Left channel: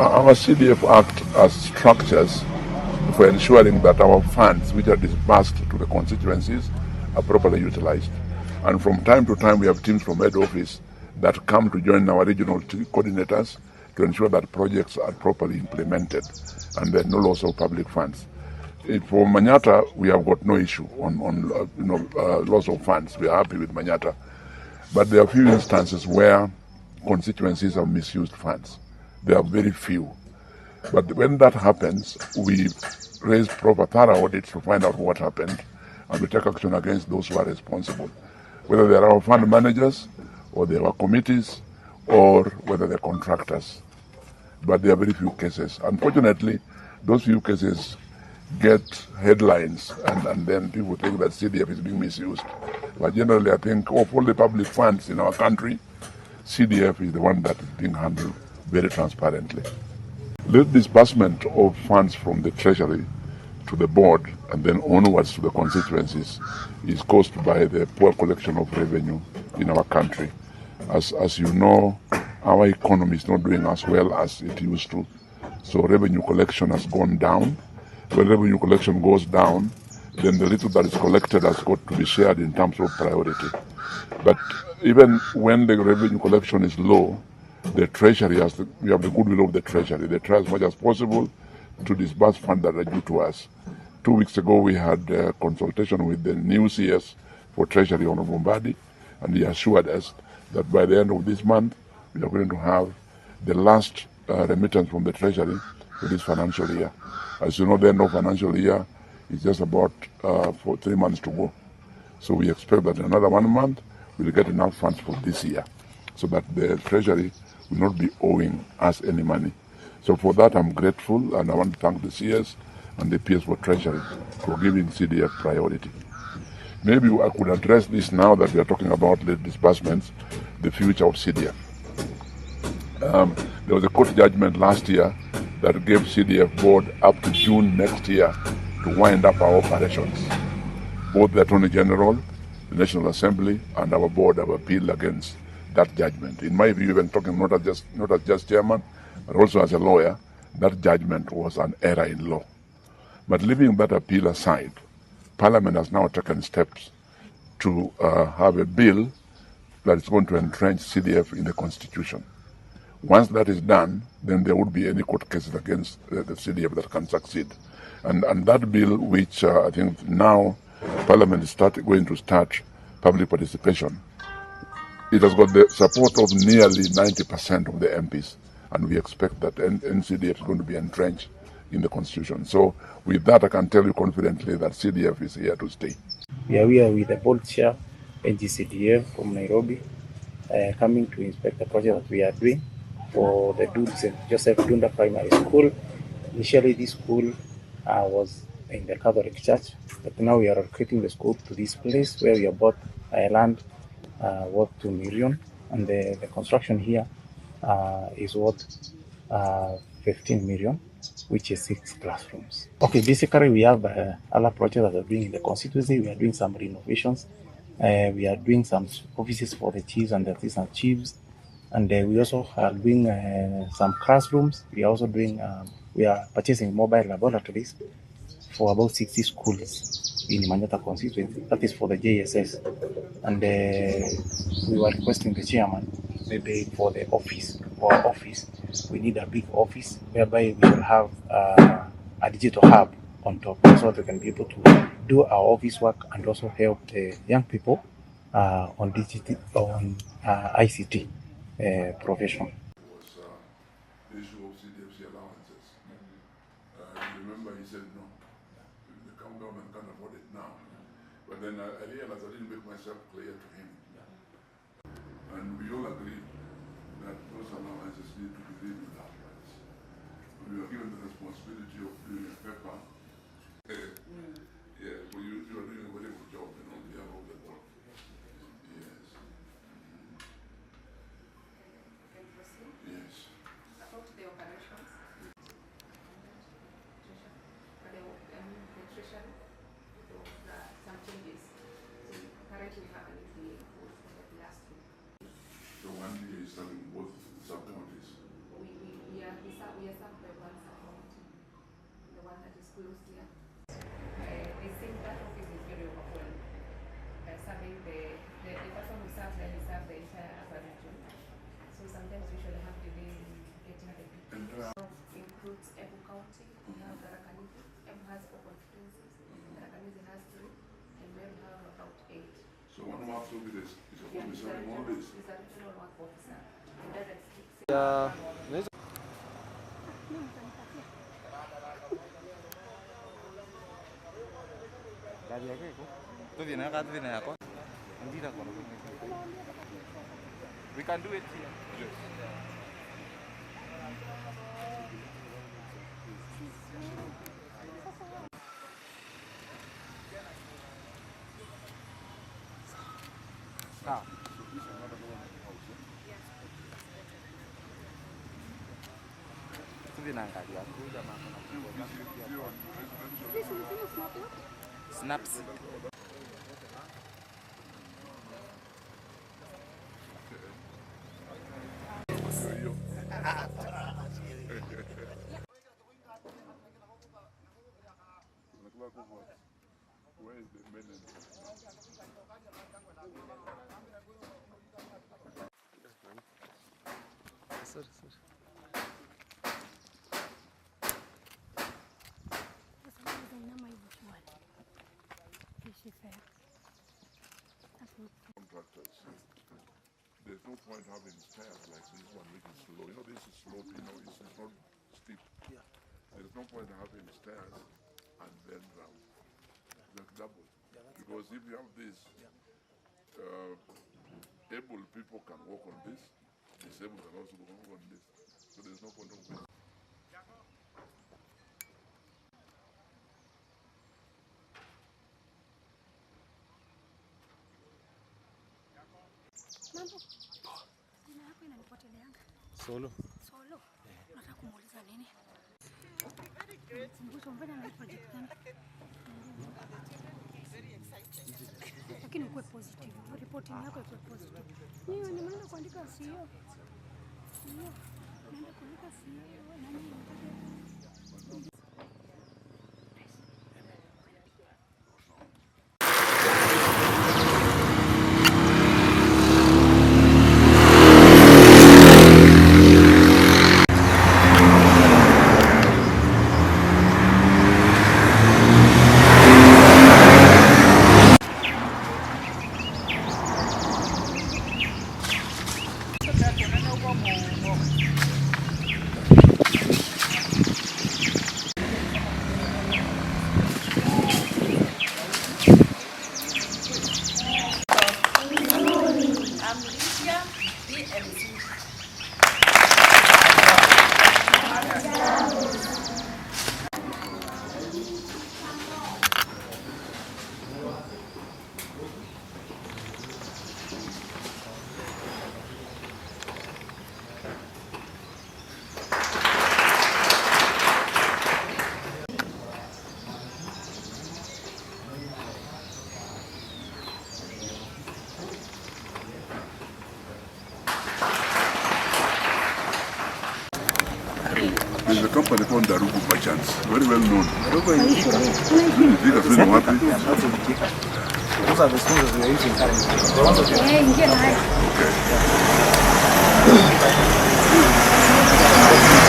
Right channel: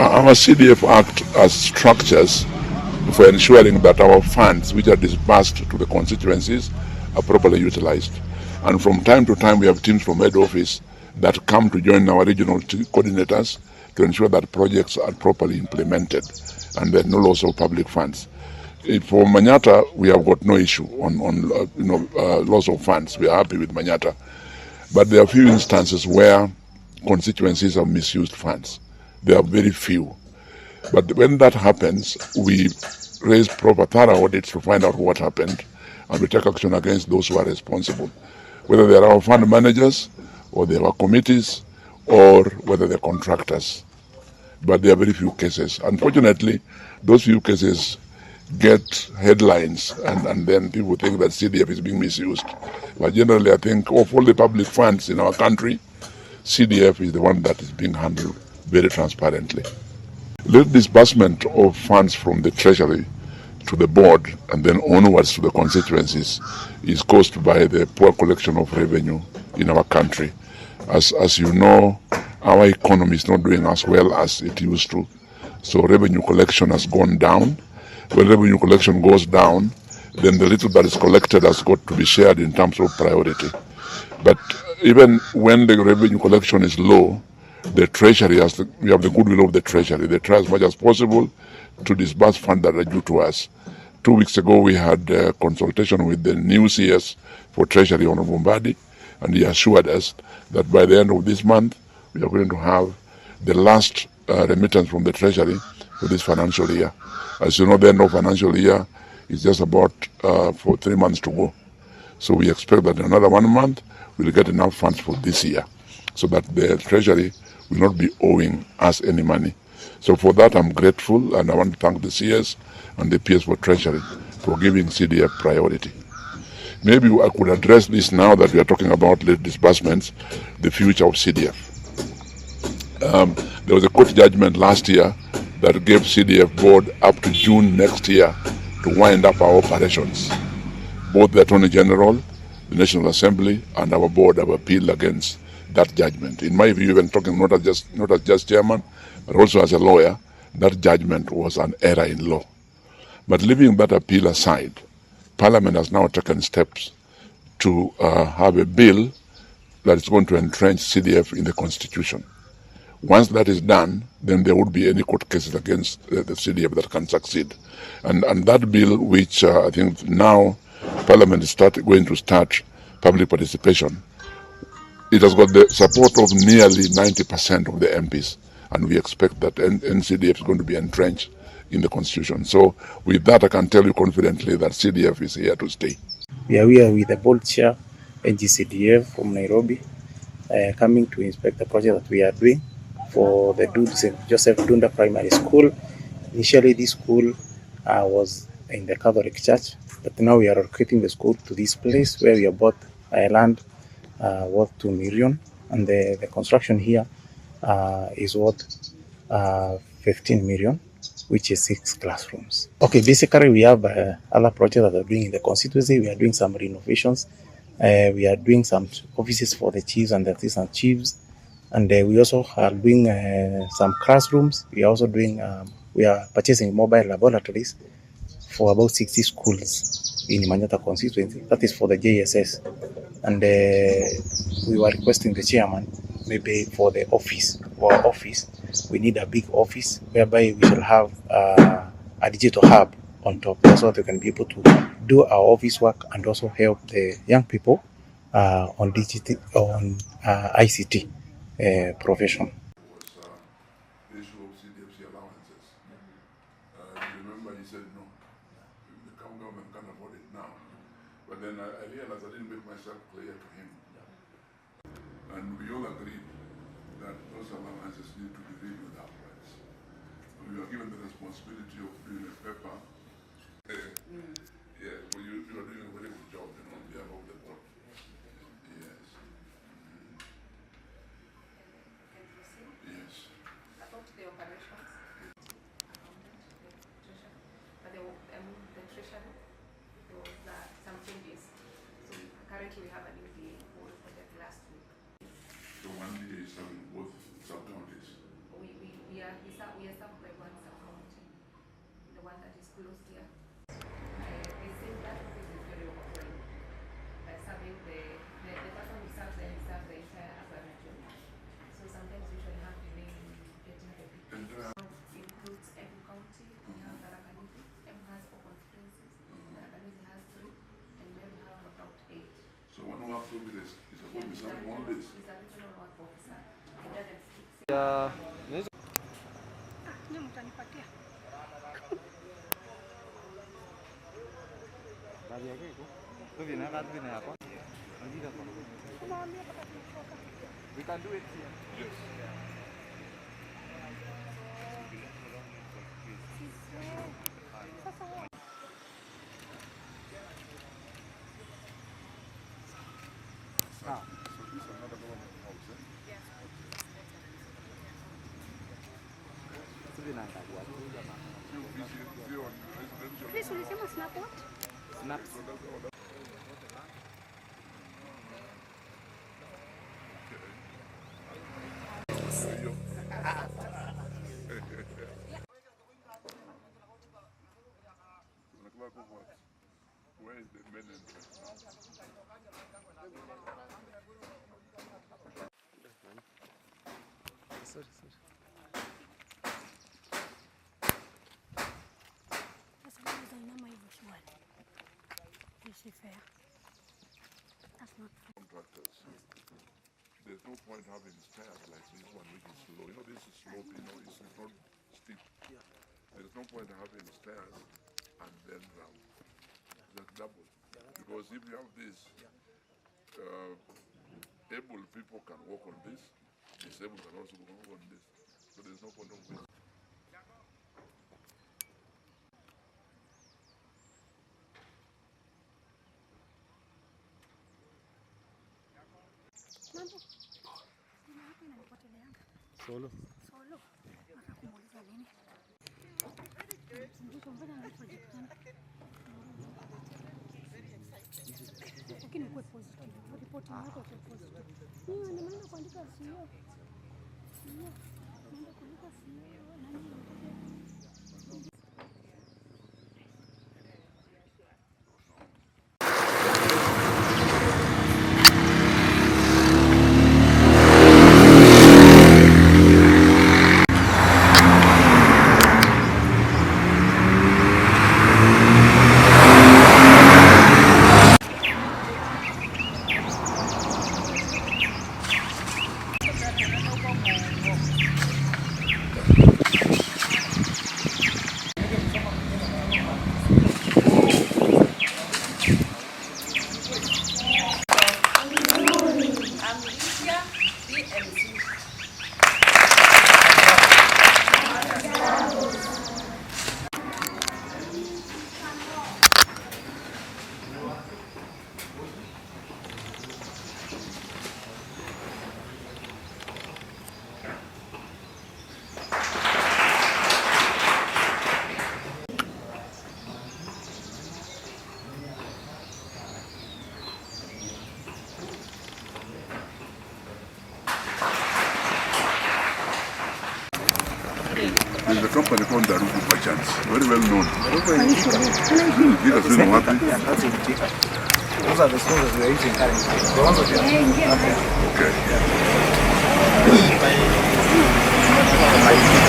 Our CDF Act has structures for ensuring that our funds which are disbursed to the constituencies are properly utilized. And from time to time we have teams from head office that come to join our regional coordinators to ensure that projects are properly implemented and there are no loss of public funds. For Manyata, we have got no issue on loss of funds. We are happy with Manyata. But there are few instances where constituencies have misused funds. There are very few. But when that happens, we raise proper thorough audits to find out what happened, and we take action against those who are responsible, whether they are our fund managers, or they are our committees, or whether they're contractors. But there are very few cases. Unfortunately, those few cases get headlines, and then people think that CDF is being misused. But generally, I think of all the public funds in our country, CDF is the one that is being handled very transparently. The disbursement of funds from the Treasury to the board and then onwards to the constituencies is caused by the poor collection of revenue in our country. As you know, our economy is not doing as well as it used to. So revenue collection has gone down. When revenue collection goes down, then the little that is collected has got to be shared in terms of priority. But even when the revenue collection is low, the Treasury we have the goodwill of the Treasury. They try as much as possible to disburse funds that are due to us. 2 weeks ago, we had a consultation with the new CS for Treasury, Honorable Mbadi, and he assured us that by the end of this month, we are going to have the last remittance from the Treasury for this financial year. As you know, the end of financial year is just about for 3 months to go. So we expect that in another 1 month, we'll get enough funds for this year so that the Treasury will not be owing us any money. So for that, I'm grateful, and I want to thank the CS and the PS for Treasury for giving CDF priority. Maybe I could address this now that we are talking about late disbursements, the future of CDF. There was a court judgment last year that gave CDF board up to June next year to wind up our operations. Both the Attorney General, the National Assembly, and our board have appealed against that judgment. In my view, even talking not as just chairman, but also as a lawyer, that judgment was an error in law. But leaving that appeal aside, Parliament has now taken steps to have a bill that is going to entrench CDF in the Constitution. Once that is done, then there would be any court cases against the CDF that can succeed. And that bill, which I think now Parliament is going to start public participation, it has got the support of nearly 90% of the MPs, and we expect that NCDF is going to be entrenched in the Constitution. So with that, I can tell you confidently that CDF is here to stay. We are here with the board chair, NGCDF from Nairobi, coming to inspect the project that we are doing for the St. Joseph Dunda Primary School. Initially, this school was in the Catholic Church, but now we are relocating the school to this place where we have bought land worth 2 million, and the construction here is worth 15 million, which is 6 classrooms. Okay, basically we have other projects that are doing in the constituency. We are doing some renovations. We are doing some offices for the chiefs and the assistant chiefs, and we also are doing some classrooms. We are also doing we are purchasing mobile laboratories for about 60 schools in Manyata constituency. That is for the JSS. And we were requesting the chairman, maybe for the office, we need a big office whereby we will have a digital hub on top, so that we can be able to do our office work and also help the young people on ICT profession. The issue of CDFC allowances. Remember, he said no, the government can't afford it now. But then I realized I didn't make myself clear to him. And we all agreed that those allowances need to be reviewed afterwards. We were given the responsibility of doing a paper. Yeah, well, you are doing a very good job, on behalf of the board. Yes. Yes. About the operations, the treasury, there was some changes. So currently we have a new DA who reported last week. The one DA is serving both sub-counties. We we are served by one sub-county, the one that is closed here. They think that office is very overwhelmed. Serving the person who serves there, he serves the entire urban region. So sometimes we should have delay in getting the people. Includes Embu County, we have Tharaka-Nithi. Embu has 4 constituencies, Tharaka-Nithi has 3, and we have about 8. So one works with this is supposed to be serving all this. He's a regional work officer. He doesn't speak. We can do it here. Yes. So this is another government house, eh? Yes. Zero on residential. This is not what? Snaps. Where is the men and Sorry. contractors? There's no point having stairs like this one, which is slow. You know, this is slope, you know, it's not steep. Yeah. There's no point having stairs and then ramp. That's double. Yeah, that's Because if you have this, able people can walk on this, disabled can also walk on this. So there's no point of this. Mambo. Kuna hapa inanipoteleanga. Solo. Solo. Nataka kumuuliza nini? Mbuzo mbona na project gani? Lakini uko positive. Reporting yako iko positive. Mimi nimeenda kuandika CEO. Naenda kuandika CEO nani? There's a company called Darugu Merchants, very well known. These are happy. Those are the sponsors we are using currently. The ones that Okay.